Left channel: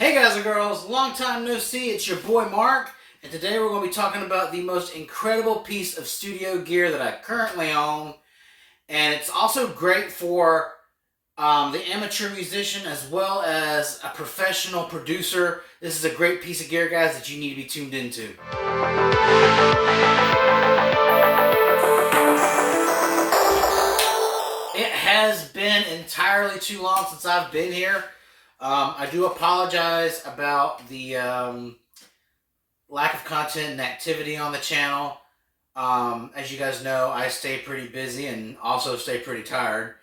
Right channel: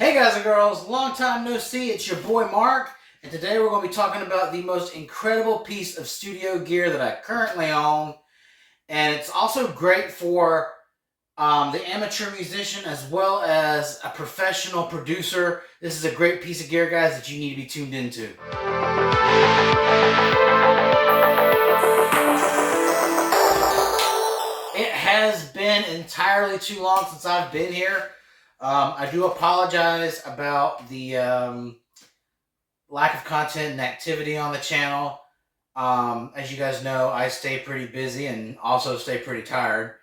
Hey guys and girls, long time no see, it's your boy Mark, and today we're going to be talking about the most incredible piece of studio gear that I currently own, and it's also great for the amateur musician as well as a professional producer. This is a great piece of gear, guys, that you need to be tuned into. It has been entirely too long since I've been here. I do apologize about the lack of content and activity on the channel. As you guys know, I stay pretty busy and also stay pretty tired.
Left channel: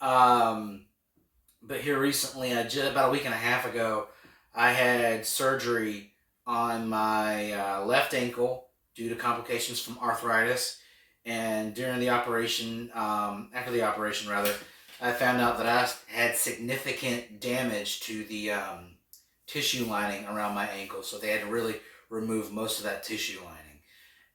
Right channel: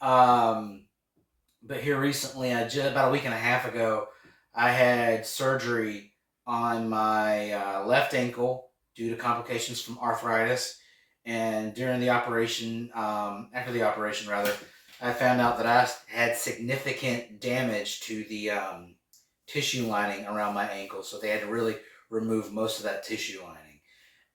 But here recently, just about a week and a half ago, I had surgery on my left ankle due to complications from arthritis. And during the operation, after the operation rather, I found out that I had significant damage to the tissue lining around my ankle. So they had to really remove most of that tissue lining.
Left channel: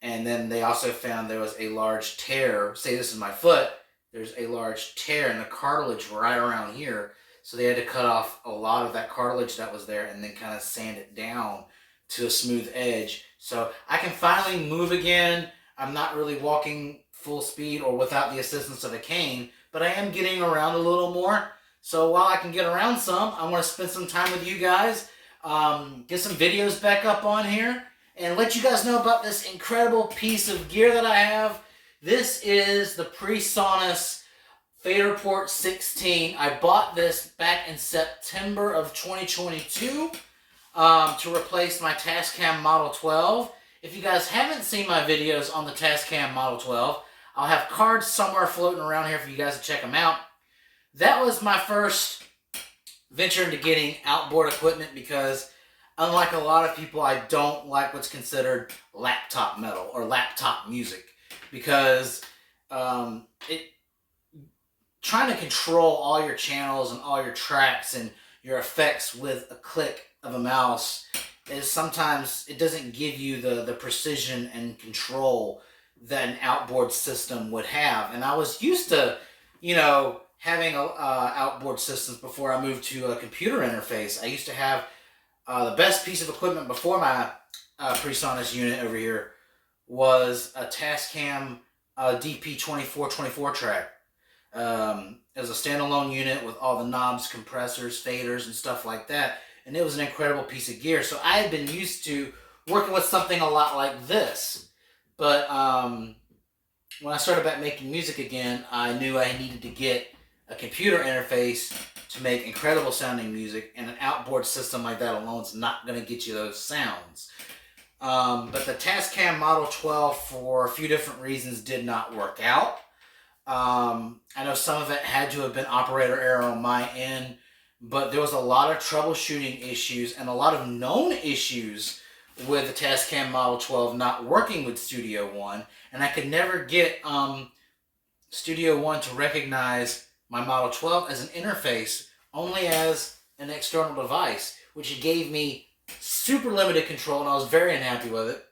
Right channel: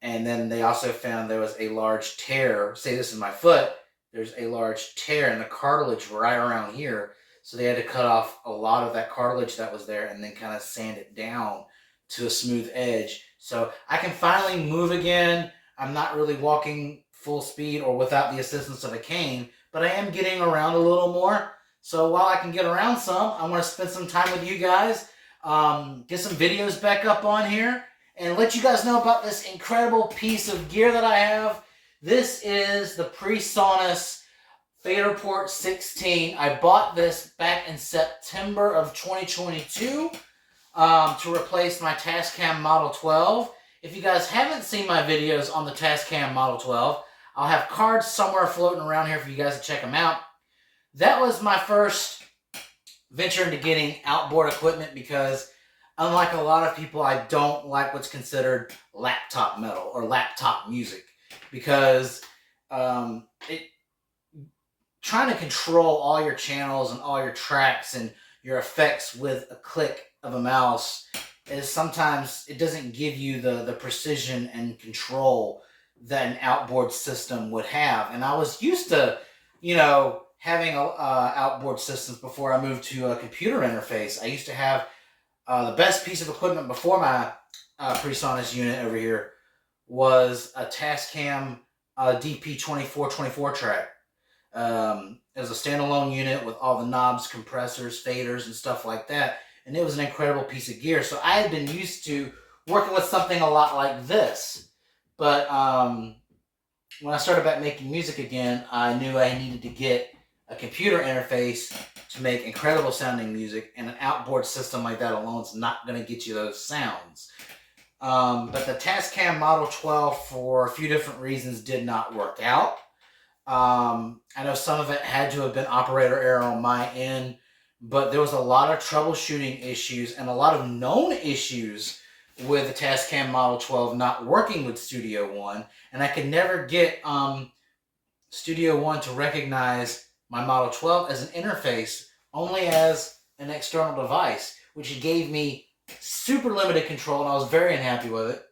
And then they also found there was a large tear. Say this is my foot. There's a large tear in the cartilage right around here. So they had to cut off a lot of that cartilage that was there and then kind of sand it down to a smooth edge. So I can finally move again. I'm not really walking full speed or without the assistance of a cane, but I am getting around a little more. So while I can get around some, I want to spend some time with you guys, get some videos back up on here, and let you guys know about this incredible piece of gear that I have. This is the PreSonus Faderport 16. I bought this back in September of 2022 to replace my Tascam Model 12. If you guys haven't seen my videos on the Tascam Model 12, I'll have cards somewhere floating around here for you guys to check them out. That was my first venture into getting outboard equipment because, unlike a lot of people, I don't like what's considered laptop metal or laptop music because trying to control all your channels and all your tracks and your effects with a click of a mouse is sometimes, it doesn't give you the precision and control that an outboard system would have. And I was used to, having outboard systems before I moved to a computer interface. I used to have the best piece of equipment before my PreSonus unit over here was a Tascam DP2424 track. It was a standalone unit with all the knobs, compressors, faders, and stuff like that. And it was an incredible piece of gear. So I had been used to working with something a lot like this. But when I started back making music again, I knew I needed to get a computer interface to make incredible sounding music. And an outboard system like that alone is not going to get you those sounds. But the Tascam Model 12, for a few different reasons, did not work out. I know some of it had to have been operator error on my end. But there was a lot of troubleshooting issues and a lot of known issues with the Tascam Model 12 not working with Studio One. And I could never get Studio One to recognize my Model 12 as an interface, only as an external device, which gave me super limited control, and I was very unhappy with it.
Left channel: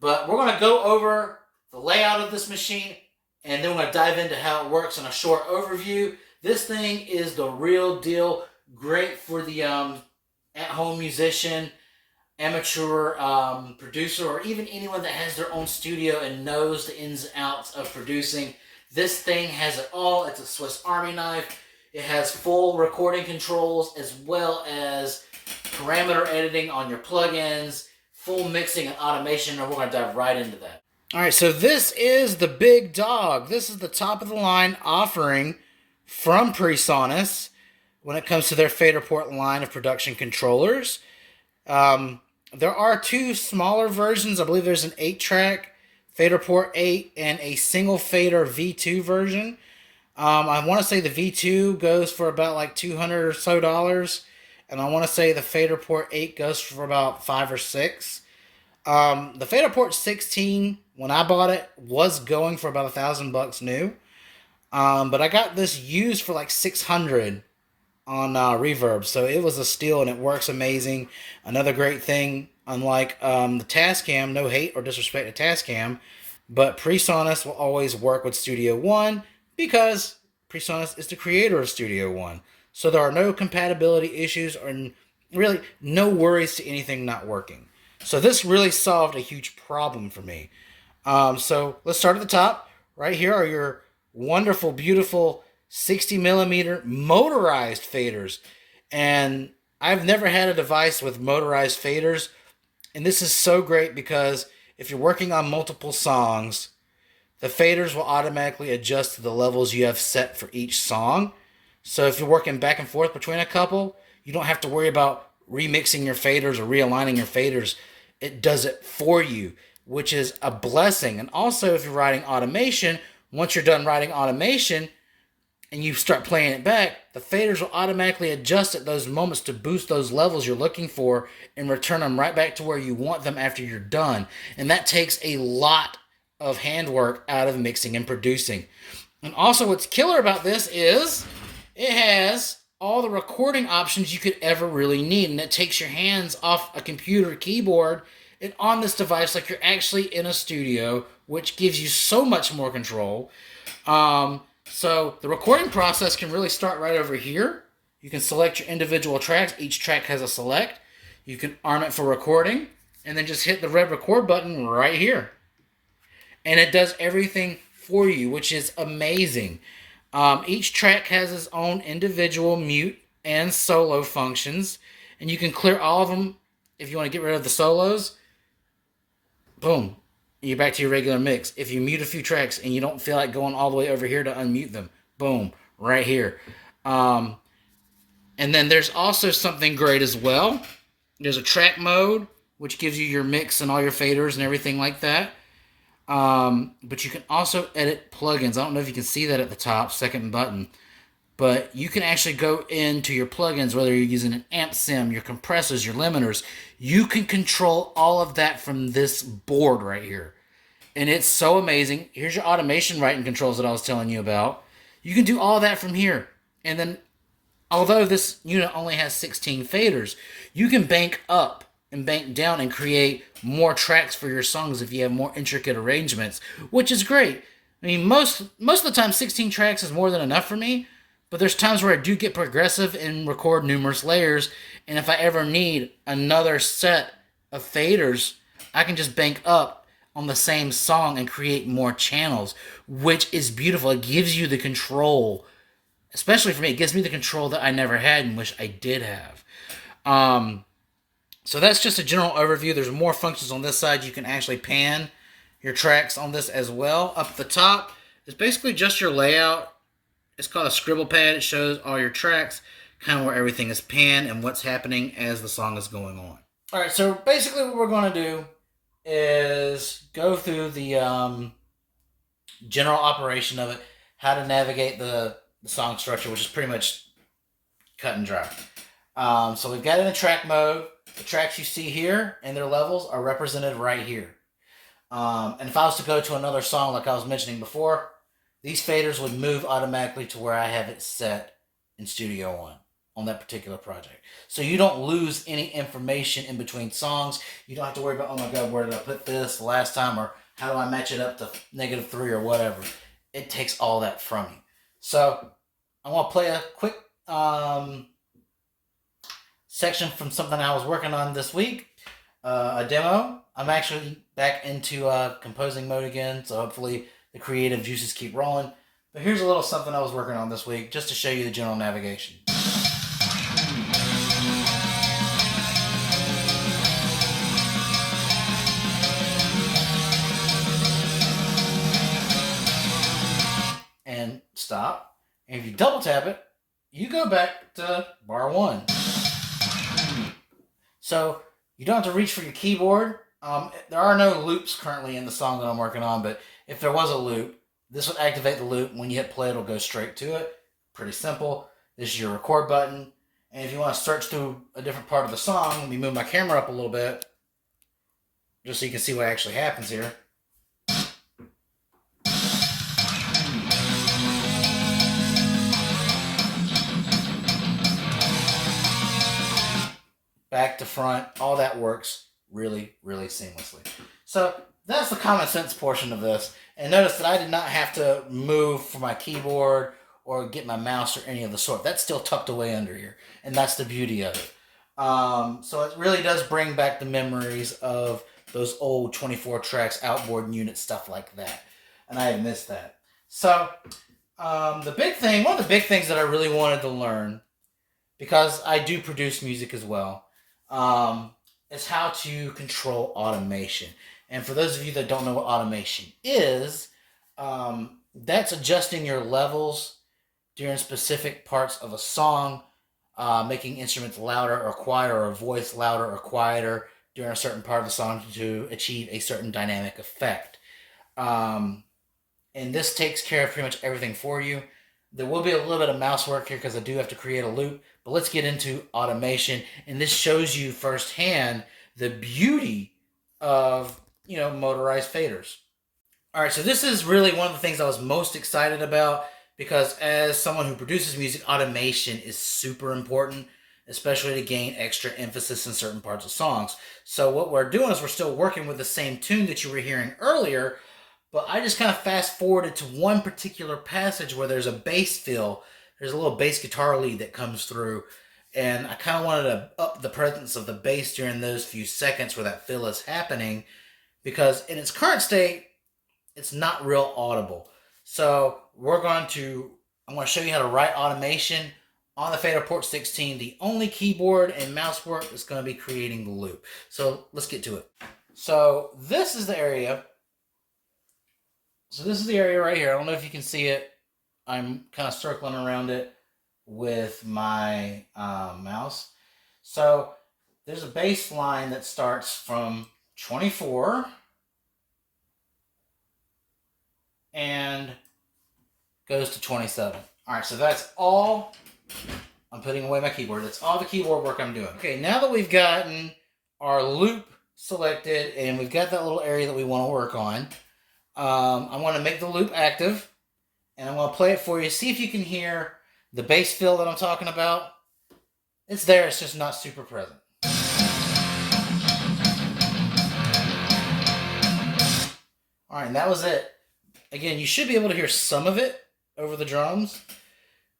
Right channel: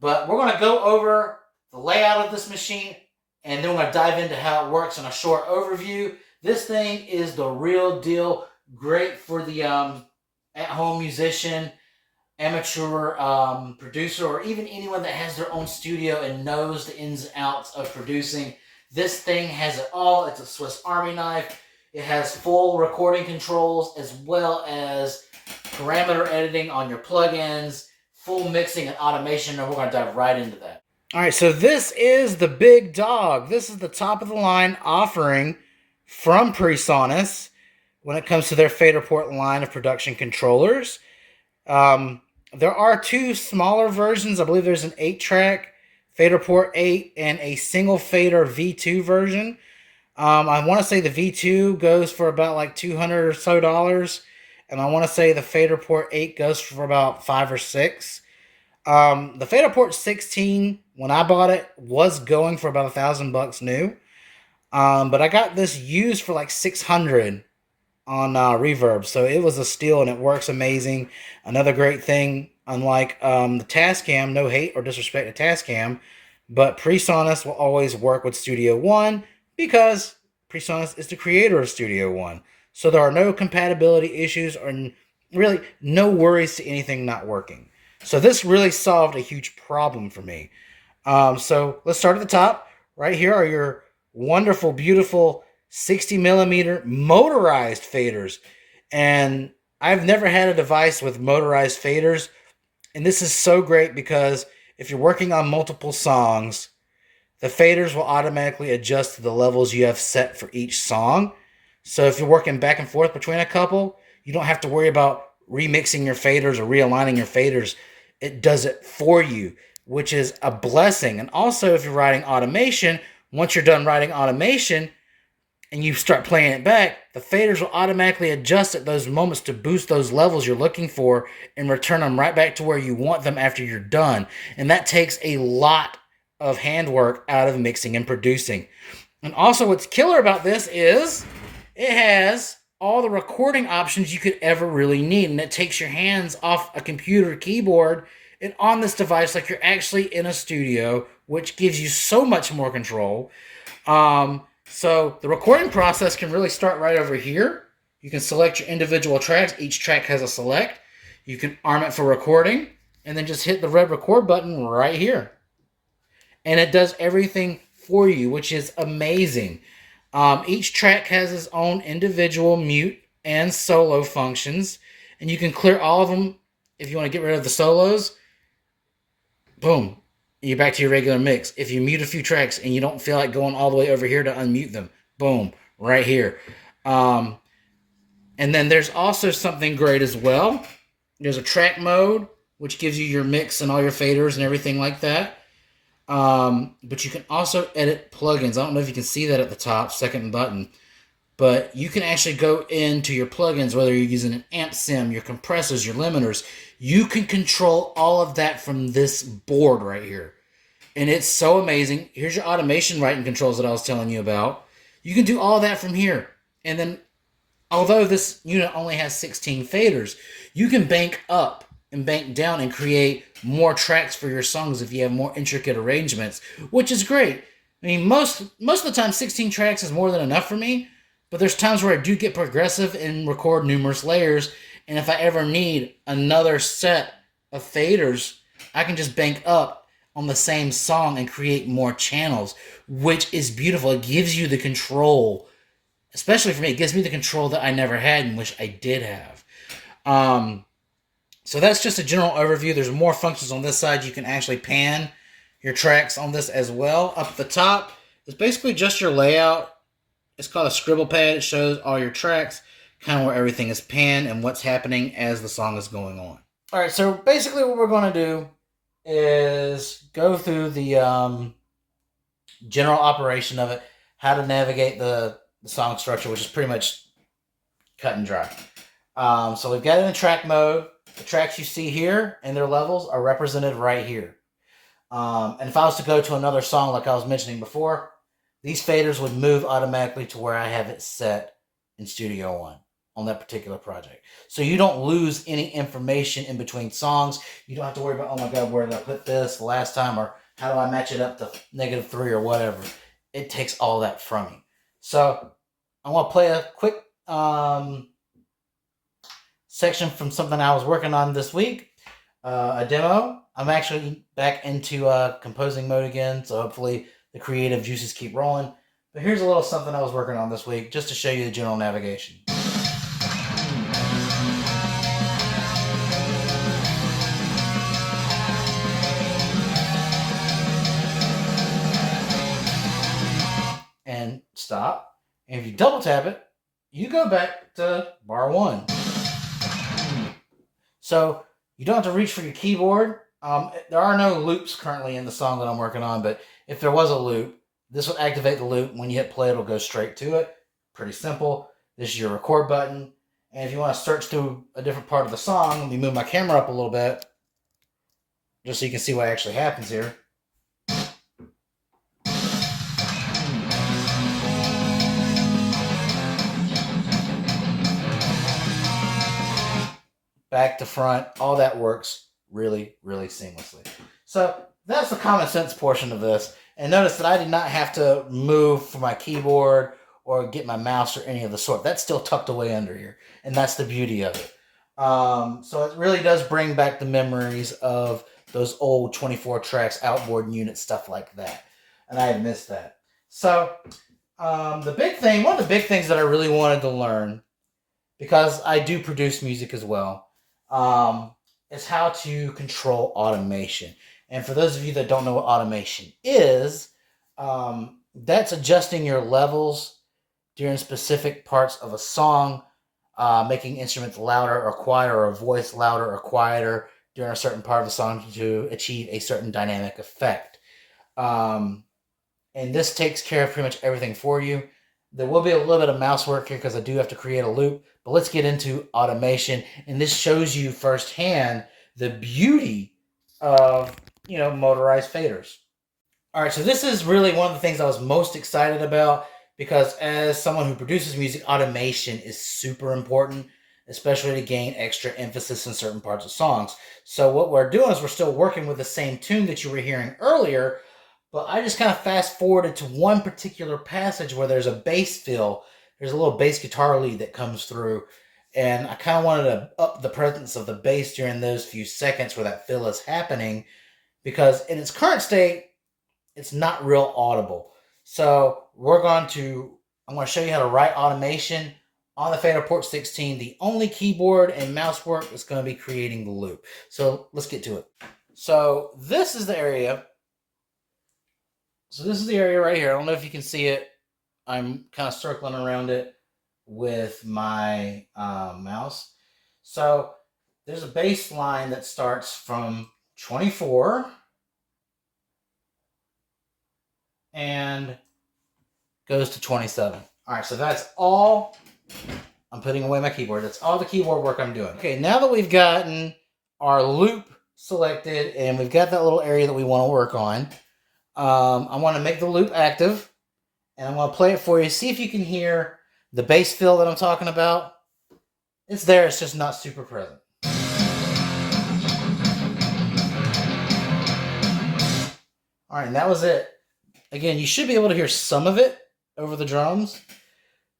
But we're going to go over the layout of this machine, and then we're going to dive into how it works in a short overview. This thing is the real deal. Great for the at-home musician, amateur producer, or even anyone that has their own studio and knows the ins and outs of producing. This thing has it all. It's a Swiss Army knife. It has full recording controls as well as parameter editing on your plugins, full mixing and automation, and we're going to dive right into that. All right, so this is the big dog. This is the top of the line offering from PreSonus when it comes to their Faderport line of production controllers. There are two smaller versions. I believe there's an 8-track Faderport 8 and a single fader V2 version. I want to say the V2 goes for about like $200 or so, and I want to say the Faderport 8 goes for about $5 or $6. The Faderport 16, when I bought it, was going for about $1,000 new. But I got this used for like $600 on Reverb, so it was a steal and it works amazing. Another great thing, unlike the Tascam, no hate or disrespect to Tascam, but PreSonus will always work with Studio One because PreSonus is the creator of Studio One. So there are no compatibility issues or really no worries to anything not working. So this really solved a huge problem for me. So let's start at the top. Right here are your wonderful, beautiful 60 millimeter motorized faders. And I've never had a device with motorized faders. And this is so great because if you're working on multiple songs, the faders will automatically adjust to the levels you have set for each song. So if you're working back and forth between a couple, you don't have to worry about remixing your faders or realigning your faders. It does it for you, which is a blessing. And also, if you're writing automation, once you're done writing automation and you start playing it back, the faders will automatically adjust at those moments to boost those levels you're looking for and return them right back to where you want them after you're done. And that takes a lot of handwork out of mixing and producing. And also, what's killer about this is it has all the recording options you could ever really need, and it takes your hands off a computer keyboard and on this device like you're actually in a studio, which gives you so much more control. So the recording process can really start right over here. You can select your individual tracks. Each track has a select. You can arm it for recording, and then just hit the red record button right here. And it does everything for you, which is amazing. Each track has its own individual mute and solo functions, and you can clear all of them if you want to get rid of the solos. Boom, you're back to your regular mix. If you mute a few tracks and you don't feel like going all the way over here to unmute them, boom, right here. And then there's also something great as well. There's a track mode, which gives you your mix and all your faders and everything like that. But you can also edit plugins. I don't know if you can see that at the top, second button. But you can actually go into your plugins, whether you're using an amp sim, your compressors, your limiters. You can control all of that from this board right here. And it's so amazing. Here's your automation writing controls that I was telling you about. You can do all that from here. And then, although this unit only has 16 faders, you can bank up and bank down and create more tracks for your songs if you have more intricate arrangements, which is great. I mean, most of the time, 16 tracks is more than enough for me, but there's times where I do get progressive and record numerous layers, and if I ever need another set of faders, I can just bank up on the same song and create more channels, which is beautiful. It gives you the control, especially for me, it gives me the control that I never had and wish I did have. So that's just a general overview. There's more functions on this side. You can actually pan your tracks on this as well. Up at the top is basically just your layout. It's called a scribble pad. It shows all your tracks, kind of where everything is panned and what's happening as the song is going on. All right, so basically what we're going to do is go through the general operation of it, how to navigate the song structure, which is pretty much cut and dry. So we've got it in track mode. The tracks you see here and their levels are represented right here. And if I was to go to another song like I was mentioning before, these faders would move automatically to where I have it set in Studio One on that particular project. So you don't lose any information in between songs. You don't have to worry about, oh my God, where did I put this last time? Or how do I match it up to -3 or whatever? It takes all that from you. So I want to play a quick section from something I was working on this week, a demo. I'm actually back into composing mode again, so hopefully the creative juices keep rolling. But here's a little something I was working on this week, just to show you the general navigation. And stop. And if you double tap it, you go back to bar 1. So you don't have to reach for your keyboard. There are no loops currently in the song that I'm working on, but if there was a loop, this would activate the loop. When you hit play, it'll go straight to it. Pretty simple. This is your record button. And if you want to search through a different part of the song, let me move my camera up a little bit, just so you can see what actually happens here. Back to front, all that works really, really seamlessly. So that's the common sense portion of this. And notice that I did not have to move for my keyboard or get my mouse or any of the sort. That's still tucked away under here. And that's the beauty of it. So it really does bring back the memories of those old 24 tracks, outboard units, stuff like that. And I had missed that. So the big thing, one of the big things that I really wanted to learn, because I do produce music as well, is how to control automation. And for those of you that don't know what automation is, that's adjusting your levels during specific parts of a song, making instruments louder or quieter, or a voice louder or quieter during a certain part of the song to achieve a certain dynamic effect. And this takes care of pretty much everything for you. There will be a little bit of mouse work here because I do have to create a loop, but let's get into automation. And this shows you firsthand the beauty of, motorized faders. All right, so this is really one of the things I was most excited about because as someone who produces music, automation is super important, especially to gain extra emphasis in certain parts of songs. So what we're doing is we're still working with the same tune that you were hearing earlier, but I just kind of fast forwarded to one particular passage where there's a bass fill. There's a little bass guitar lead that comes through, and I kind of wanted to up the presence of the bass during those few seconds where that fill is happening, because in its current state, it's not real audible. So I'm going to show you how to write automation on the Faderport 16. The only keyboard and mouse work is going to be creating the loop. So let's get to it. So this is the area. So this is the area right here. I don't know if you can see it. I'm kind of circling around it with my mouse. So there's a bass line that starts from 24 and goes to 27. All right, so that's all. I'm putting away my keyboard. That's all the keyboard work I'm doing. Okay, now that we've gotten our loop selected and we've got that little area that we want to work on, I want to make the loop active, and I'm going to play it for you. See if you can hear the bass fill that I'm talking about. It's there, it's just not super present. All right, and that was it. Again, you should be able to hear some of it over the drums,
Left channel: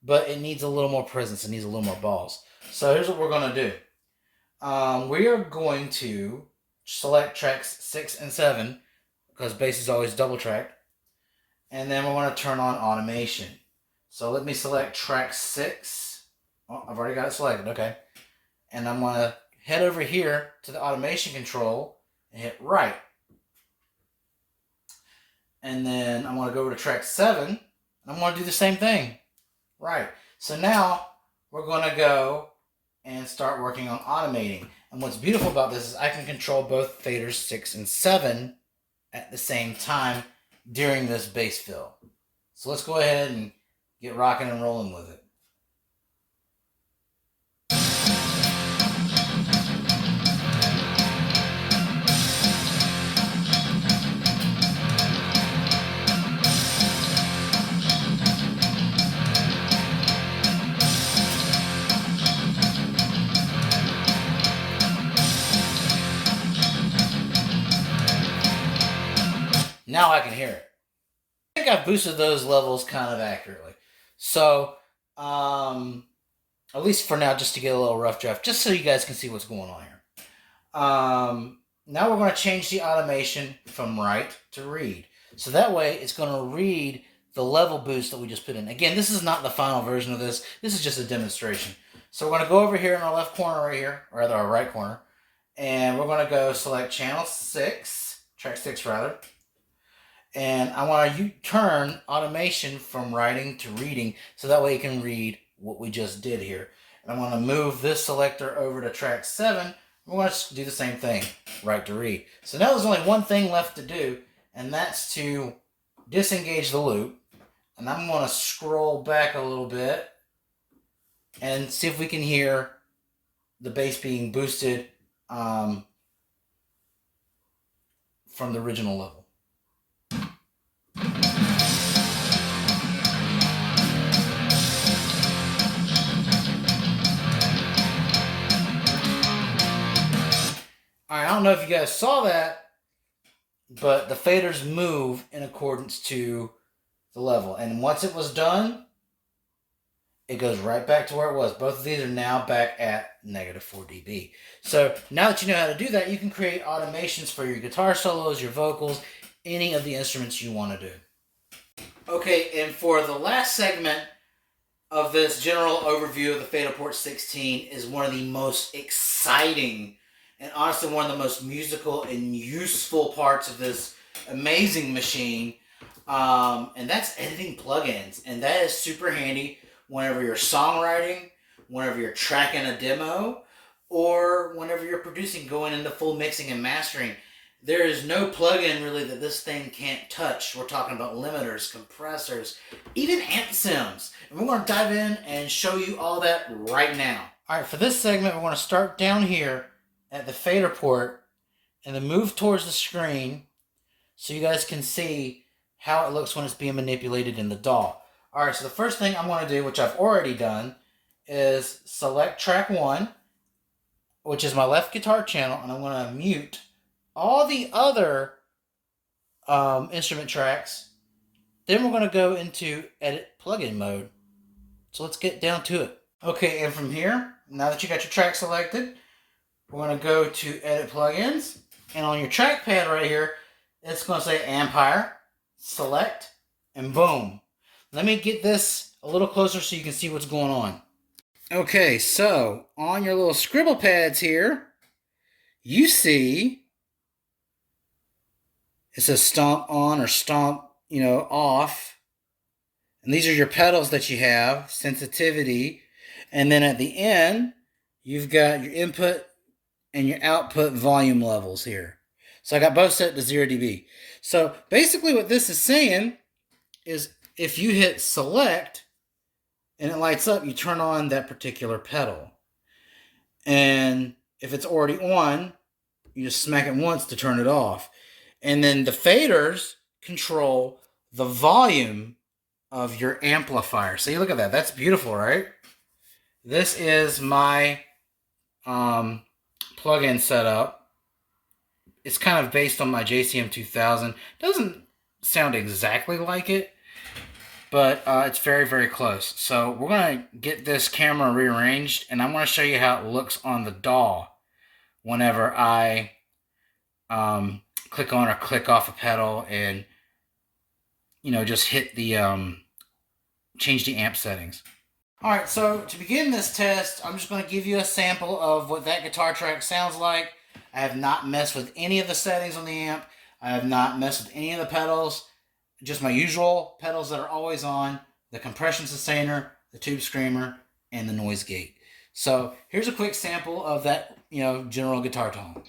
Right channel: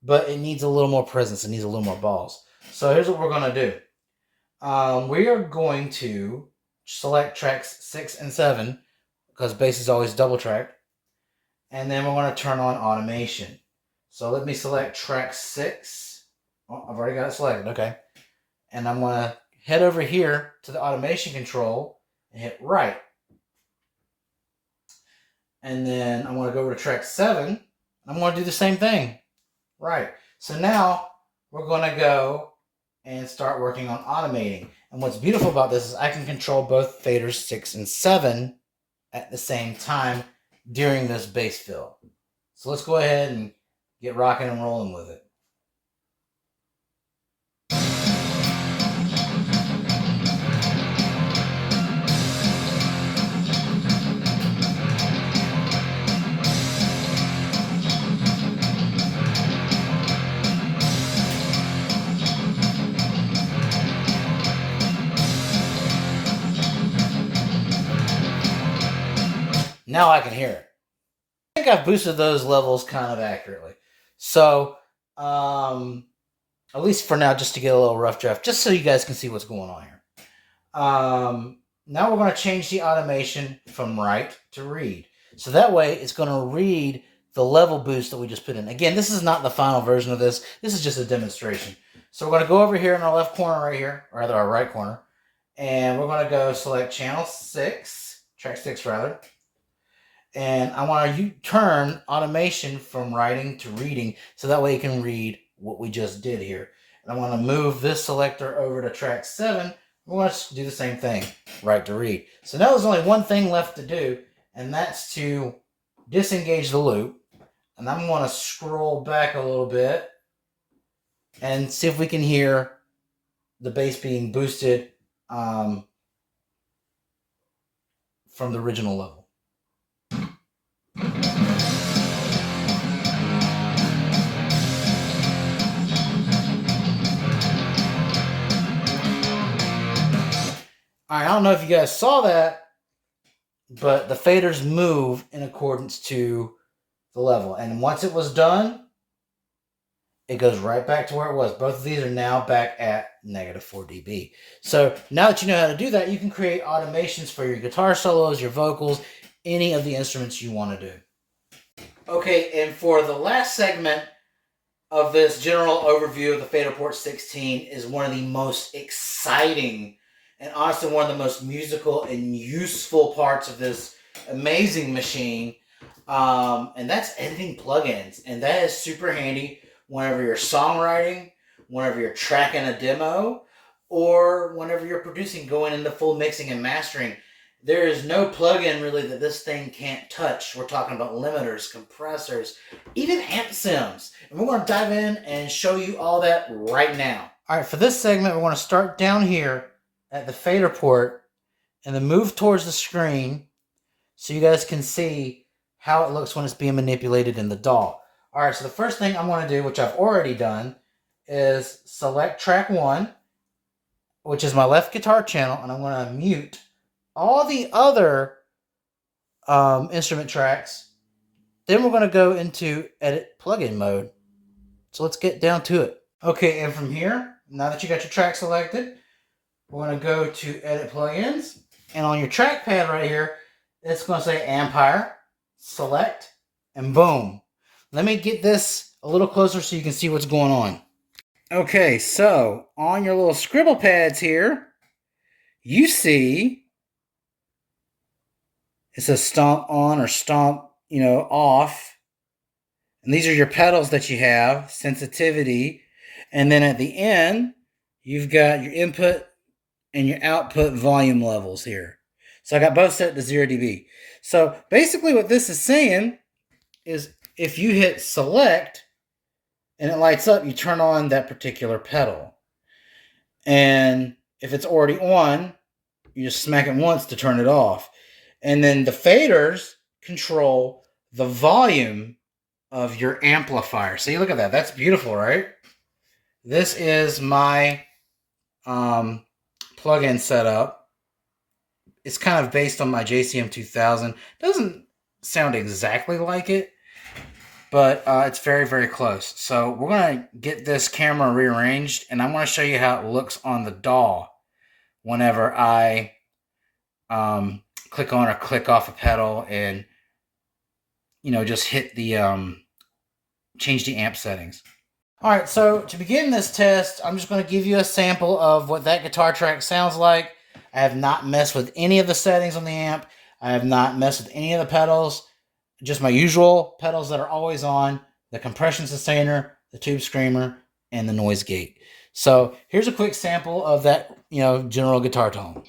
but it needs a little more presence. It needs a little more balls. So here's what we're going to do. We are going to select tracks 6 and 7, because bass is always double tracked. And then we want to turn on automation. So let me select track 6. Oh, I've already got it selected. Okay. And I'm going to head over here to the automation control and hit right. And then I want to go over to track 7. And I'm going to do the same thing. Right. So now we're going to go and start working on automating. And what's beautiful about this is I can control both faders 6 and 7 at the same time during this bass fill. So let's go ahead and get rocking and rolling with it. Now I can hear it. I think I've boosted those levels kind of accurately. So, at least for now, just to get a little rough draft, just so you guys can see what's going on here. Now we're going to change the automation from write to read. So that way, it's going to read the level boost that we just put in. Again, this is not the final version of this. This is just a demonstration. So we're going to go over here in our left corner right here, or rather our right corner, and we're going to go select channel 6, track 6 rather. And I want to turn automation from writing to reading, so that way you can read what we just did here. And I want to move this selector over to track 7. We're going to do the same thing, write to read. So now there's only one thing left to do, and that's to disengage the loop. And I'm going to scroll back a little bit and see if we can hear the bass being boosted from the original level. I don't know if you guys saw that, but the faders move in accordance to the level. And once it was done, it goes right back to where it was. Both of these are now back at -4 dB. So now that you know how to do that, you can create automations for your guitar solos, your vocals, any of the instruments you want to do. Okay, and for the last segment of this general overview of the Faderport 16 is one of the most exciting and honestly one of the most musical and useful parts of this amazing machine. And that's editing plugins. And that is super handy whenever you're songwriting, whenever you're tracking a demo, or whenever you're producing, going into full mixing and mastering. There is no plugin really that this thing can't touch. We're talking about limiters, compressors, even amp sims. And we're going to dive in and show you all that right now. All right, for this segment, we're going to start down here at the fader port and then move towards the screen so you guys can see how it looks when it's being manipulated in the DAW. All right, so the first thing I'm going to do, which I've already done, is select track 1, which is my left guitar channel, and I'm going to mute all the other instrument tracks. Then we're going to go into edit plugin mode. So let's get down to it. Okay, and from here, now that you got your track selected, we're going to go to edit plugins. And on your trackpad right here, it's going to say Empire, select, and boom. Let me get this a little closer so you can see what's going on. Okay, so on your little scribble pads here, you see it says stomp on or stomp, off. And these are your pedals that you have, sensitivity. And then at the end, you've got your input and your output volume levels here. So I got both set to 0 dB. So basically what this is saying is if you hit select and it lights up, you turn on that particular pedal. And if it's already on, you just smack it once to turn it off. And then the faders control the volume of your amplifier. See, look at that. That's beautiful, right? This is my plugin setup. It's kind of based on my JCM 2000. Doesn't sound exactly like it, but it's very, very close. So we're going to get this camera rearranged, and I'm going to show you how it looks on the DAW whenever I click on or click off a pedal and, just hit the, change the amp settings. All right, so to begin this test, I'm just going to give you a sample of what that guitar track sounds like. I have not messed with any of the settings on the amp. I have not messed with any of the pedals. Just my usual pedals that are always on, the compression sustainer, the tube screamer, and the noise gate. So here's a quick sample of that, general guitar tone.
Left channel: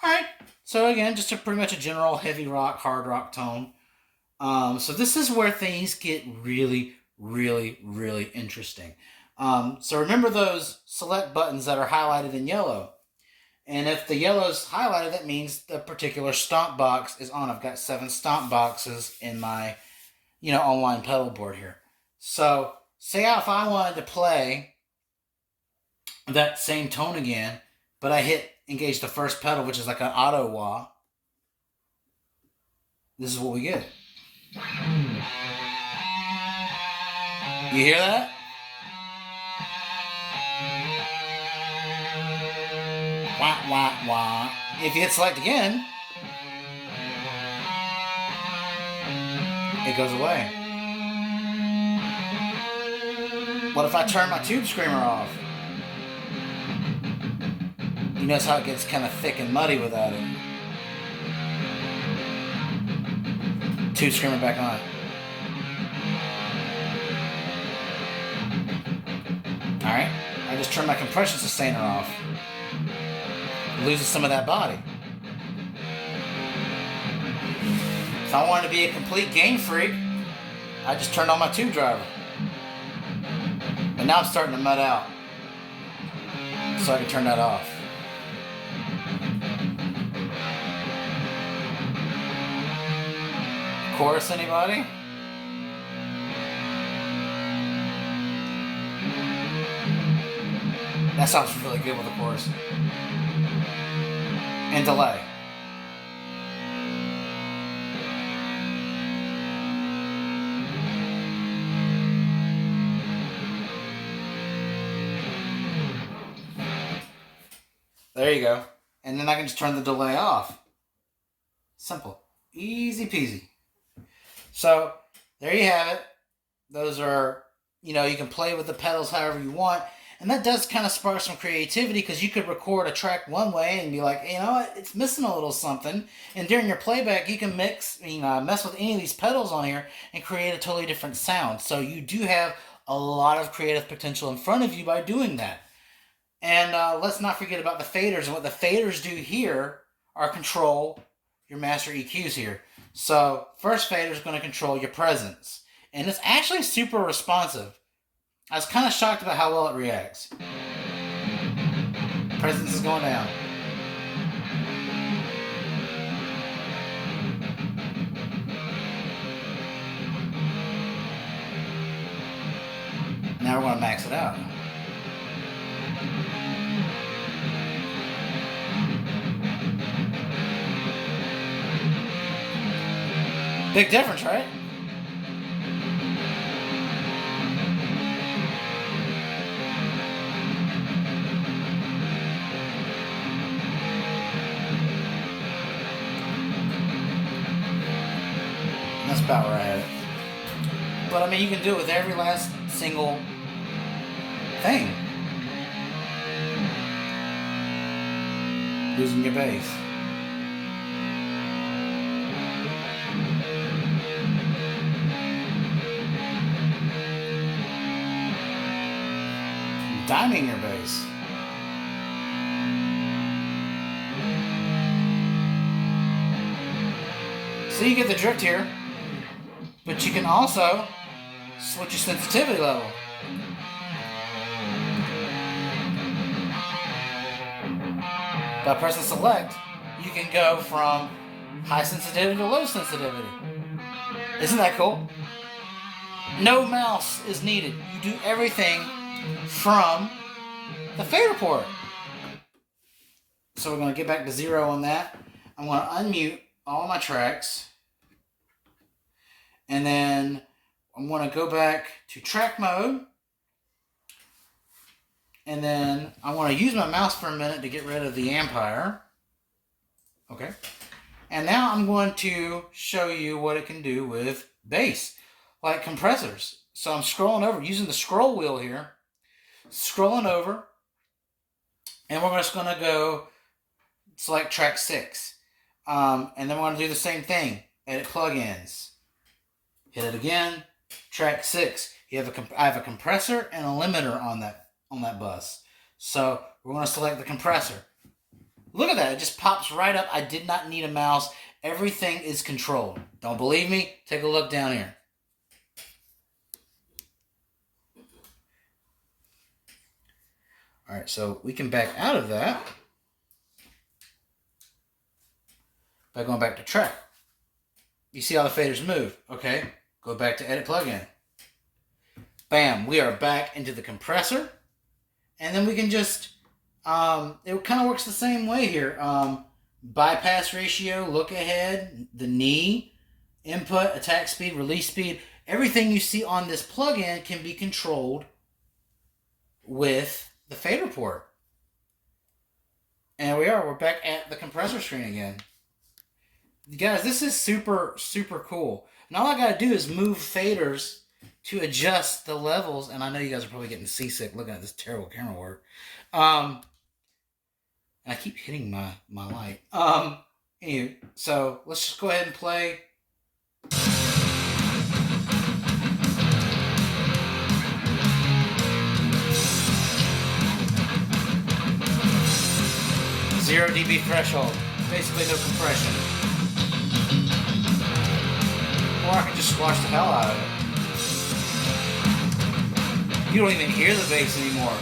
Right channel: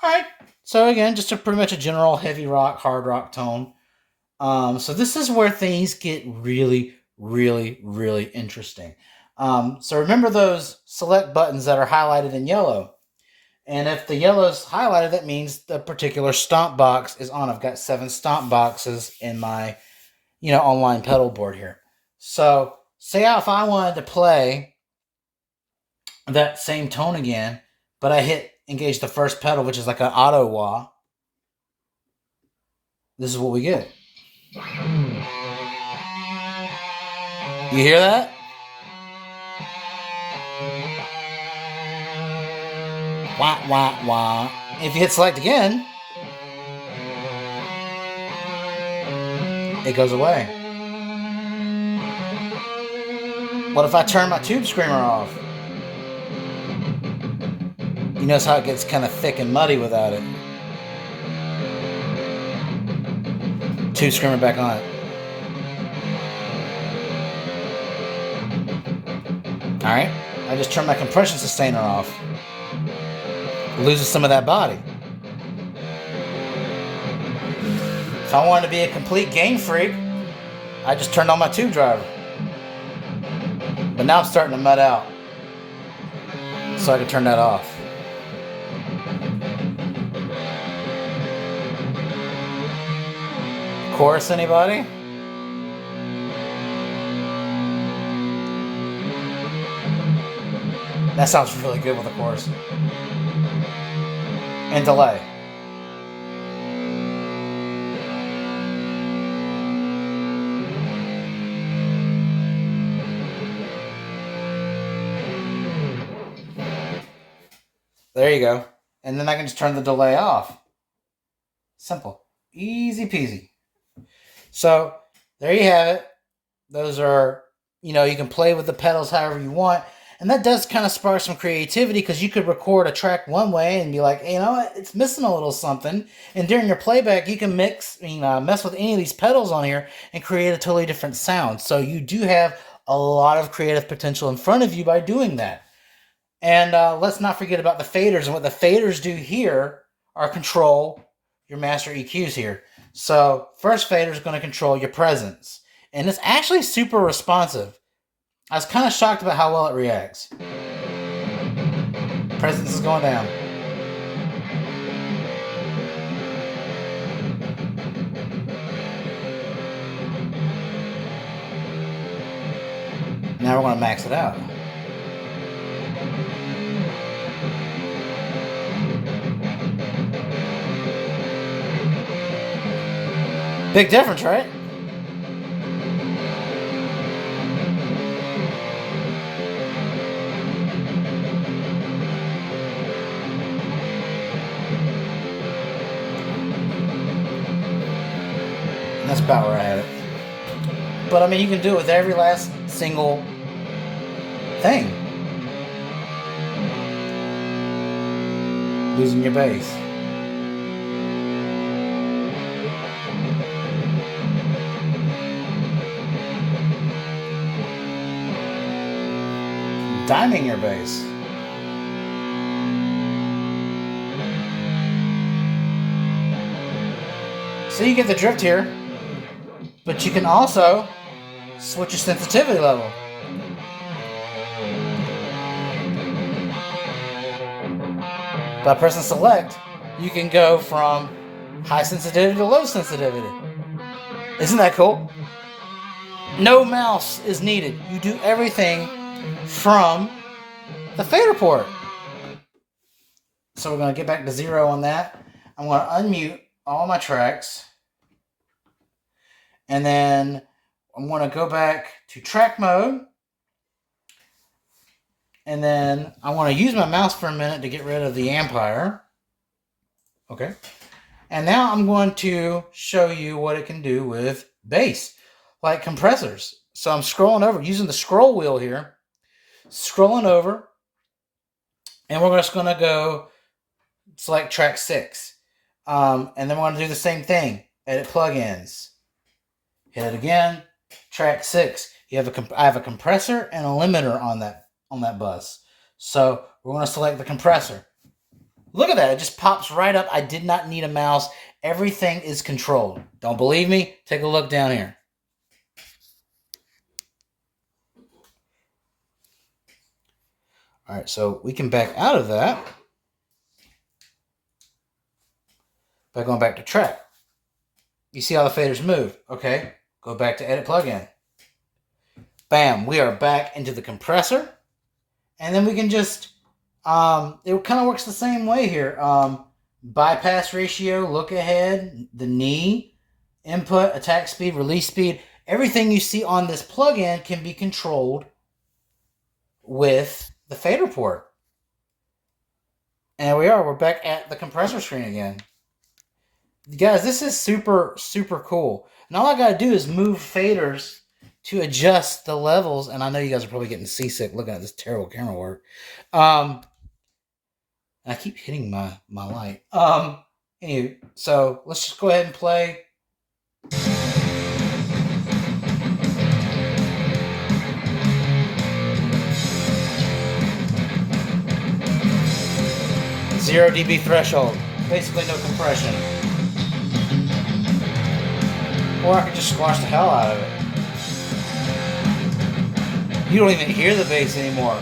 Alright, so again, just pretty much a general heavy rock, hard rock tone. So this is where things get really, really, really interesting. So remember those select buttons that are highlighted in yellow. And if the yellow is highlighted, that means the particular stomp box is on. I've got 7 stomp boxes in my, online pedal board here. So say if I wanted to play that same tone again, but I hit engage the first pedal, which is like an auto wah. This is what we get. You hear that? Wah, wah, wah. If you hit select again, it goes away. What if I turn my tube screamer off? You notice how it gets kind of thick and muddy without it. Tube screamer back on. Alright, I just turned my compression sustainer off. It loses some of that body. If I wanted to be a complete gain freak, I just turned on my tube driver. But now I'm starting to mud out. So I can turn that off. Chorus, anybody? That sounds really good with the chorus. And delay. There you go. And then I can just turn the delay off. Simple. Easy peasy. So there you have it. Those are, you can play with the pedals however you want. And that does kind of spark some creativity, because you could record a track one way and be like, hey, you know what, it's missing a little something. And during your playback, you can mess with any of these pedals on here and create a totally different sound. So you do have a lot of creative potential in front of you by doing that. And let's not forget about the faders. And what the faders do here are control your master EQs here. So first fader is going to control your presence. And it's actually super responsive. I was kind of shocked about how well it reacts. Presence is going down. Now we're going to max it out. Big difference, right? That's about where I had it. But I mean, you can do it with every last single thing. Losing your bass. Diming your bass. So you get the drift here. But you can also switch your sensitivity level. By pressing select, you can go from high sensitivity to low sensitivity. Isn't that cool? No mouse is needed. You do everything from the Faderport. So we're going to get back to 0 on that. I'm going to unmute all my tracks. And then I'm going to go back to track mode. And then I want to use my mouse for a minute to get rid of the Ampere. Okay. And now I'm going to show you what it can do with bass, like compressors. So I'm scrolling over, using the scroll wheel here. Scrolling over. And we're just going to go select track 6. And then we're going to do the same thing. Edit plugins. Hit it again. Track 6. I have a compressor and a limiter on that bus. So we're going to select the compressor. Look at that. It just pops right up. I did not need a mouse. Everything is controlled. Don't believe me? Take a look down here. All right, so we can back out of that by going back to track. You see how the faders move. Okay, go back to edit plugin. Bam, we are back into the compressor. And then we can just, it kind of works the same way here. Bypass ratio, look ahead, the knee, input, attack speed, release speed. Everything you see on this plugin can be controlled with the Faderport. And we're back at the compressor screen again. Guys, this is super, super cool. And all I got to do is move faders to adjust the levels. And I know you guys are probably getting seasick looking at this terrible camera work. I keep hitting my light. Anyway, so let's just go ahead and play. Zero dB threshold. Basically no compression. Or I can just squash the hell out of it. You don't even hear the bass anymore.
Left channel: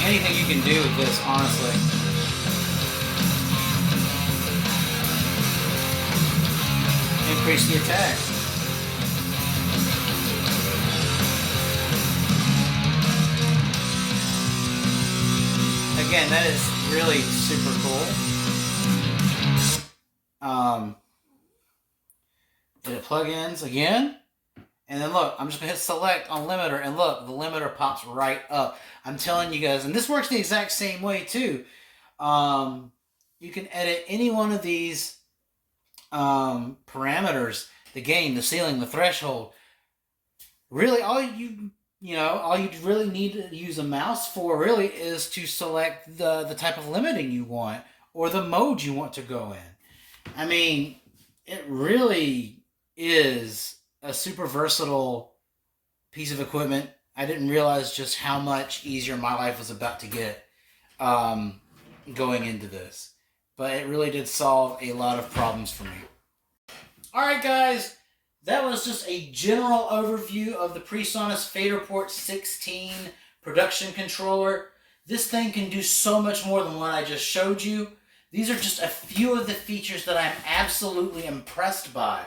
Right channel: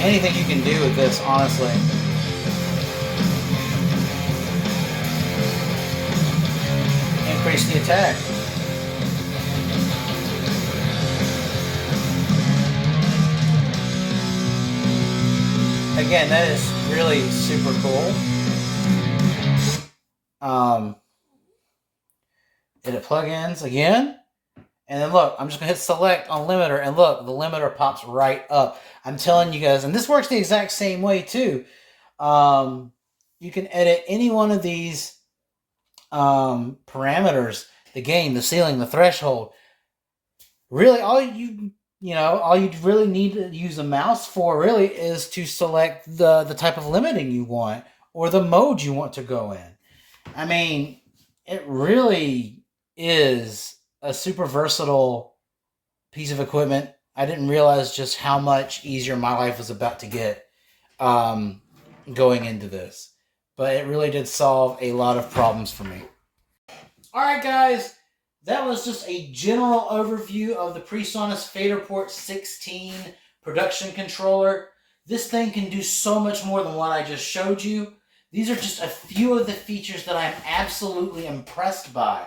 Anything you can do with this, honestly. Increase the attack. Again, that is really super cool. Did it plug in again? And then look, I'm just going to hit select on limiter, and look, the limiter pops right up. I'm telling you guys, and this works the exact same way too. You can edit any one of these parameters, the gain, the ceiling, the threshold. Really, all you really need to use a mouse for really is to select the type of limiting you want or the mode you want to go in. I mean, it really is a super versatile piece of equipment. I didn't realize just how much easier my life was about to get going into this. But it really did solve a lot of problems for me. Alright guys, that was just a general overview of the PreSonus Faderport 16 production controller. This thing can do so much more than what I just showed you. These are just a few of the features that I'm absolutely impressed by.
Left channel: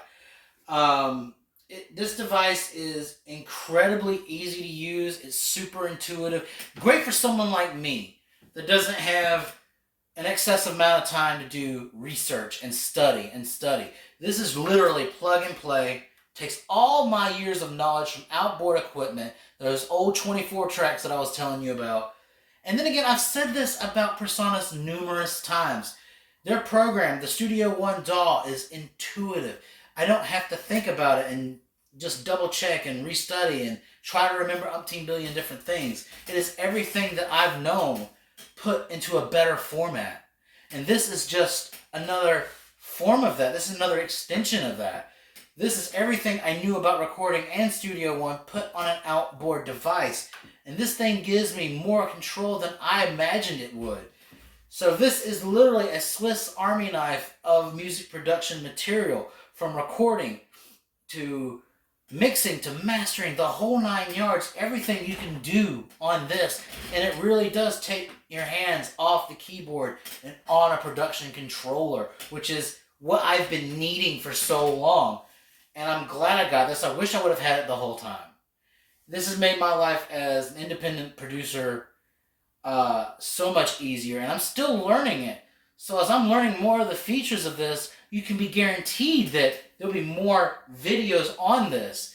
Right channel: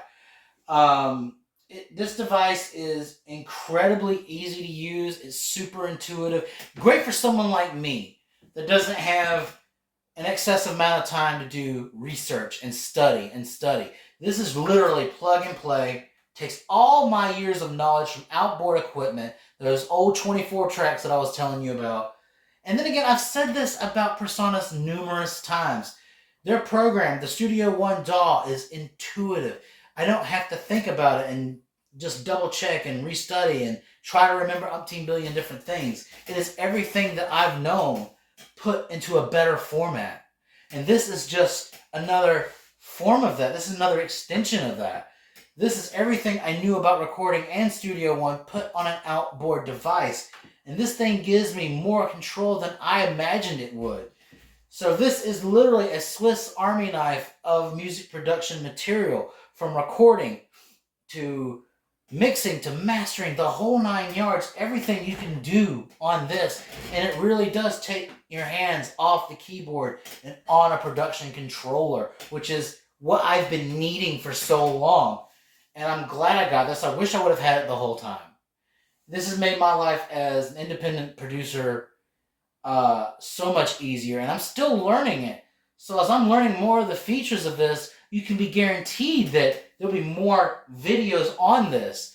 This device is incredibly easy to use. It's super intuitive. Great for someone like me that doesn't have an excessive amount of time to do research and study. This is literally plug and play. Takes all my years of knowledge from outboard equipment, those old 24 tracks that I was telling you about. And then again, I've said this about PreSonus numerous times. Their program, the Studio One DAW, is intuitive. I don't have to think about it and just double check and restudy and try to remember umpteen billion different things. It is everything that I've known put into a better format. And this is just another form of that. This is another extension of that. This is everything I knew about recording and Studio One put on an outboard device. And this thing gives me more control than I imagined it would. So this is literally a Swiss Army knife of music production material, from recording to mixing to mastering, the whole 9 yards, everything you can do on this. And it really does take your hands off the keyboard and on a production controller, which is what I've been needing for so long. And I'm glad I got this. I wish I would have had it the whole time. This has made my life as an independent producer so much easier, and I'm still learning it. So as I'm learning more of the features of this, you can be guaranteed that there'll be more videos on this.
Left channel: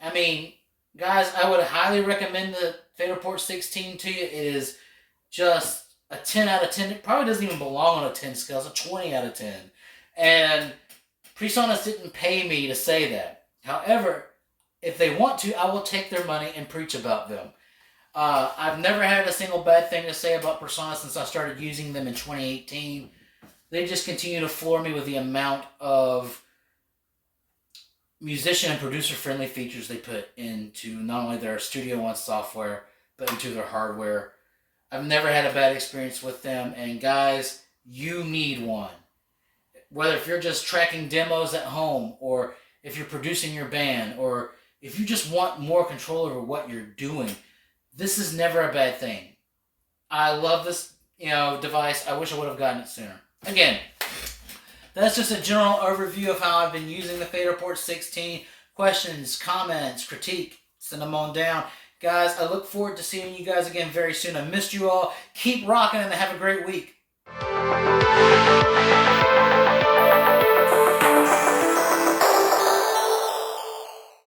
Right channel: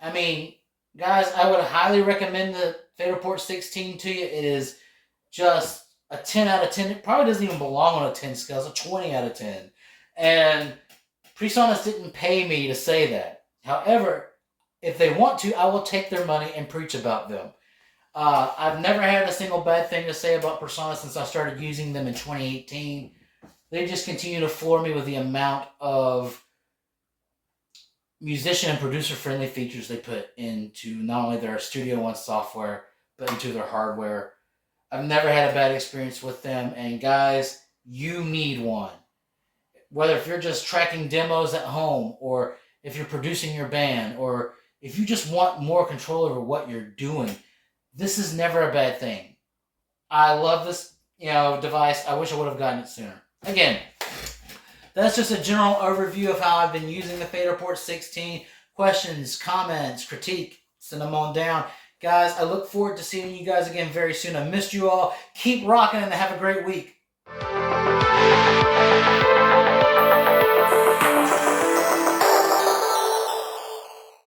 I mean, guys, I would highly recommend the Faderport 16 to you. It is just a 10 out of 10. It probably doesn't even belong on a 10 scale. It's a 20 out of 10. And PreSonus didn't pay me to say that. However, if they want to, I will take their money and preach about them. I've never had a single bad thing to say about PreSonus since I started using them in 2018. They just continue to floor me with the amount of musician and producer-friendly features they put into not only their Studio One software, but into their hardware. I've never had a bad experience with them, and guys, you need one. Whether if you're just tracking demos at home, or if you're producing your band, or if you just want more control over what you're doing, this is never a bad thing. I love this, device. I wish I would have gotten it sooner. Again, that's just a general overview of how I've been using the Faderport 16. Questions, comments, critique, send them on down. Guys, I look forward to seeing you guys again very soon. I missed you all. Keep rocking and have a great week.